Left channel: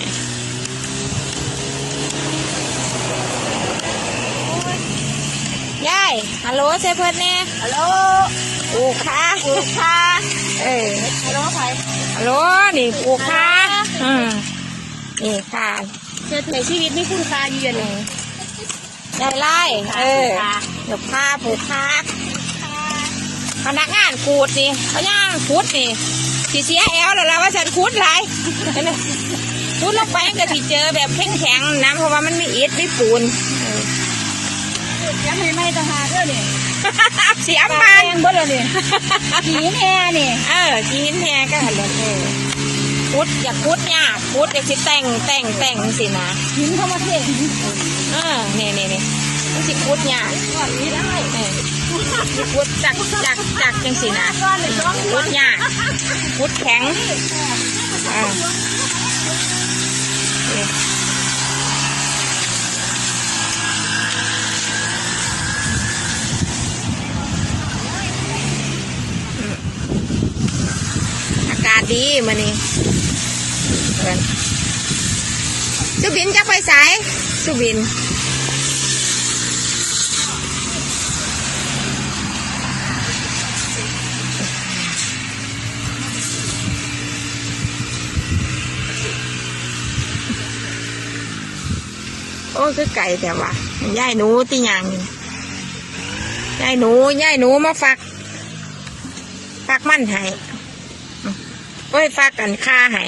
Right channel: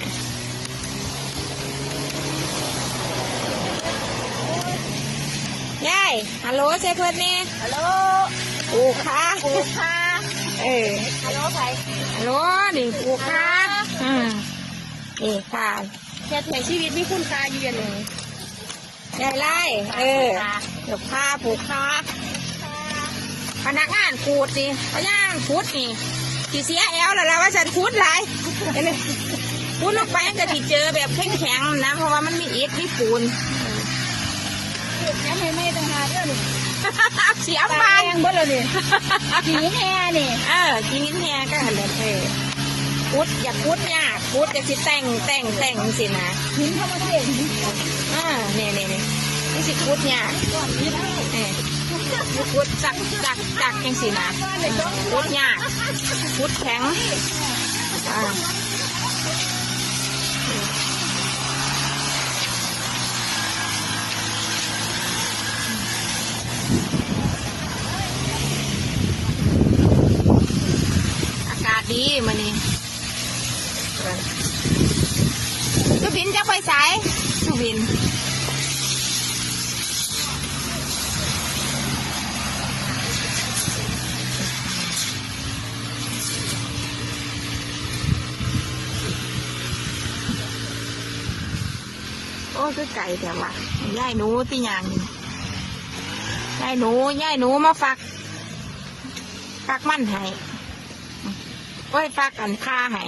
เนี่ยายฮัลโหลเชฟเพื่อนแม่ฮัลโหลค่ะปูค่ะเอ้ยฮัลโหลใครฮัลโหลนี่ปูค่ะอืมนี่ค่ะเจอเใอชีวิตไม่คุ้นตาเยู่อย่างนี้เดินไล่เออปูค่ะปูค่ะพนักงานขูดสิคพนักงานขูดสิสีเสียแอลแล้วว่าฉันขูดไร ขูดลงไปมันก็สิเจอแบบแข็งๆนะเพราะว่ามันมีอิฐมีปูนยังไม่ไม่ต้องหาเรื่องนี่เสียปาปานนเบิ่งเลยนี่หีแม่นี่เออกินแม่ก็หันเลยพุดอยากพุดเนี่ยากพุดอยากสิแต่งแต่งแต่งสินะหีเข้ามาเพ่งเออนี่นี่นี่มันสิพุดเนี่ยากก่อนนี้ได้เออพุดจักจักจักจังสินะก่อนหรือต้องพุดเนี่ยากพุดแข็งอ่านี่อากาศ ดีมานี่สุบินจะไปสายสุบินโอ้คือไก่แต่ว่าย่ายหนูที่ยังย่ายหนูย่ายหนูมาฟักฟักมันให้ โอ้ยฟักกันค่าให้